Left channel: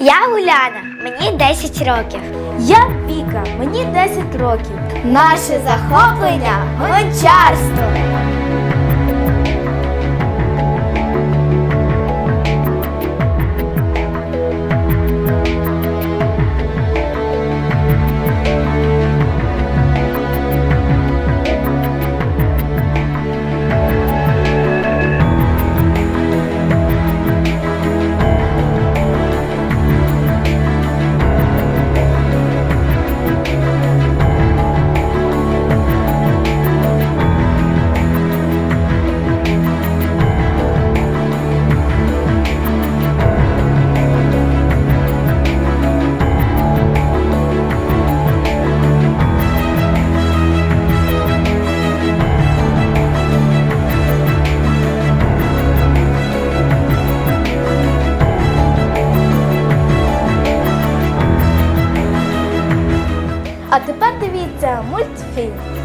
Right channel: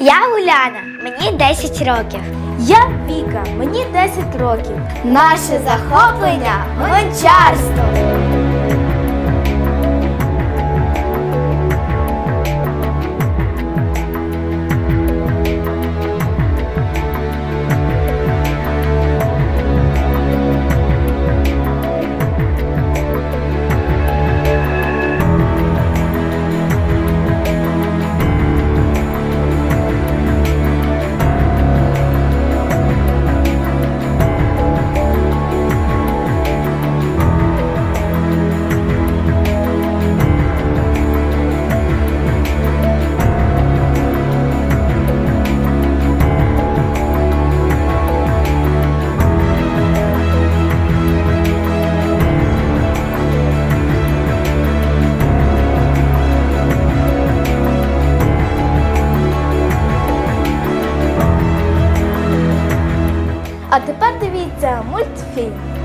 Я Уляна, мені 10 років. Я Віка, мені 10 років. Наше захоплення гончарство. А тепер дивіться мультфільм.